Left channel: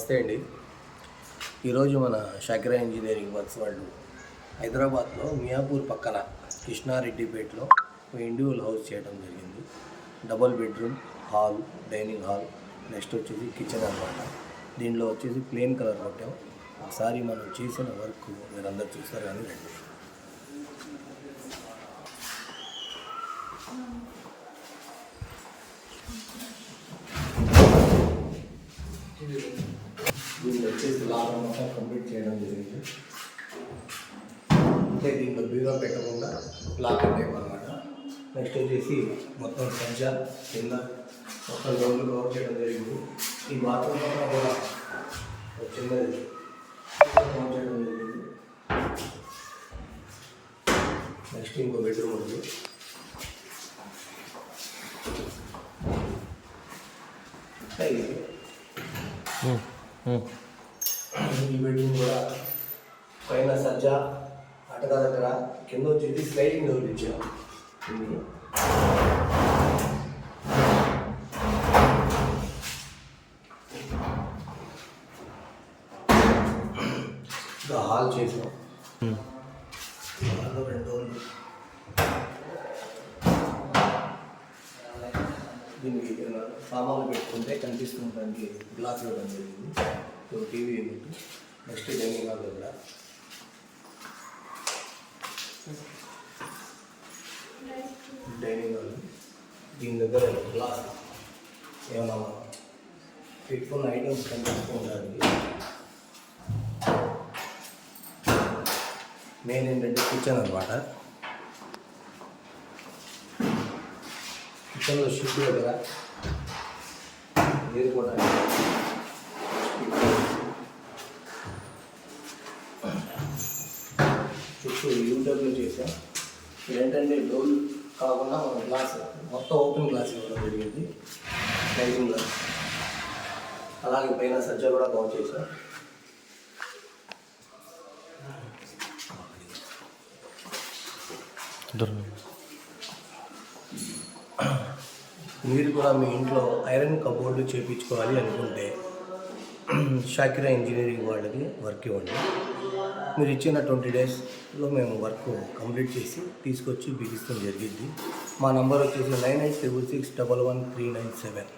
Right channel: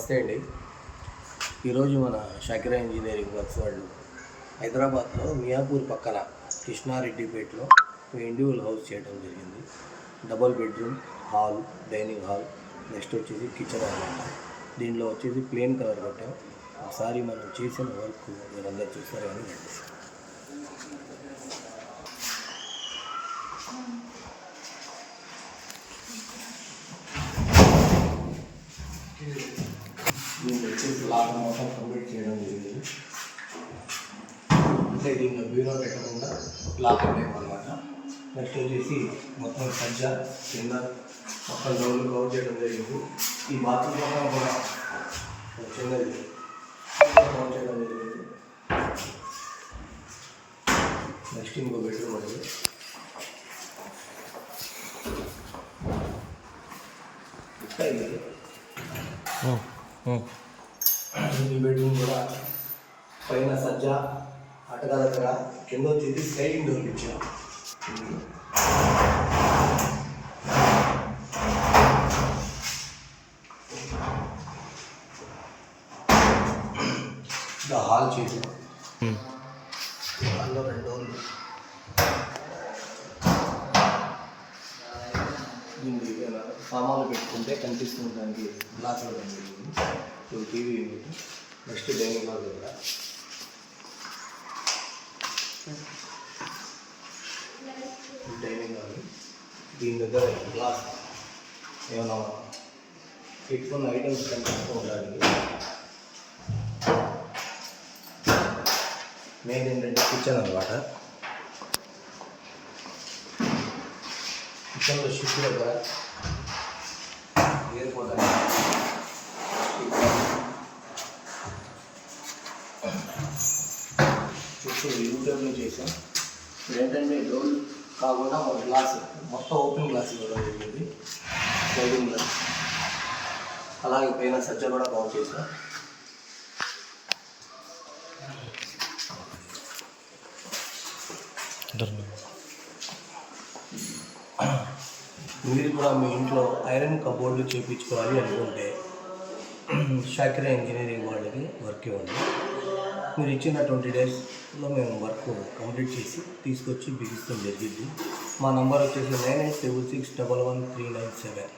నమస్తే అండి. ఈరోజు మన షాకిరా ఇంజనీరింగ్ వర్క్స్ వాళ్ళు హైదరాబాద్లో మియాపూర్ పక్కన కృష్ణారెడ్డిపేటలో ఇండివిజువల్ హౌస్ చేయడం జరిగింది. Double bedroom hall dining hall next వచ్చేసి కిచెన్ అనమాట దీనిలో వచ్చేసి ప్లెయిన్ కలర్ కొట్టాం. ఒకసారి మనం చేసిన వర్క్ మీరందరూ చూస్తారు కానీ రండి. దీన్ని వచ్చేసి లాభం మొత్తం కంప్లీట్ చేయడం జరిగింది. అంటే దీనిలో బ్యూరో పెట్టకుండా లాక్ టైప్ అనమాట నెక్స్ట్ వచ్చేసి మొత్తం సజ్జ కింద మొత్తం డోర్లు కవర్ చేయడం జరిగింది. ఈ బాత్రూమ్ మొత్తం కూడా చిన్నది కవర్ చేయడం జరిగింది. నెక్స్ట్ ఇంకో బెడ్రూమ్ ఉంది. ఇది ఈ బెడ్రూమ్ కూడా పైన సజ్జ అటగా దగ్గర కింద వచ్చేసి స్లైడింగ్ డోర్లు ఇచ్చాం హాల్ చేసాం దీనికి ఇలా సామాన్లు పెట్టుకుంటే కనిపిస్తుంది దానికి గ్లాస్ ఇవ్వడం జరిగింది so TV unit next dining hall దగ్గర డైనింగ్ హాల్. దీని దగ్గర గ్లాస్ ఏమైనా పెట్టుకున్న ఐటమ్స్ కనిపిస్తూ ఉండడానికి మెయిన్ ఏంటంటే కిచెన్ అనమాట కిచెన్లో షిఫ్ట్ దగ్గర నీరు కూడా చుట్టూ యూటర్లో చేసాం ఇది ఏంటంటే డోల్ కాకుండా మన గ్లాస్ మొత్తం ఓపెన్ గ్లాస్ ఇవ్వడం జరిగింది డైనింగ్ గ్లాస్ అలాగే పైన సజ్జ కూడా బాగు చేసాం మీరు కూడా మీ ఇంట్లో ఐరన్ కబోర్డు చేయించుకోవాలి అనుకుంటే షాకిరా ఇంజనీరింగ్ వాళ్ళకి వర్క్ ఇవ్వండి. మీరు ఇచ్చిన ట్వంటీ డేస్లో మేము వర్క్ కంప్లీట్ చేసి తీసుకొచ్చి బిగిస్తుంది జరిగింది. మా నంబర్ వచ్చేసి nine eight double six double one three nine seven.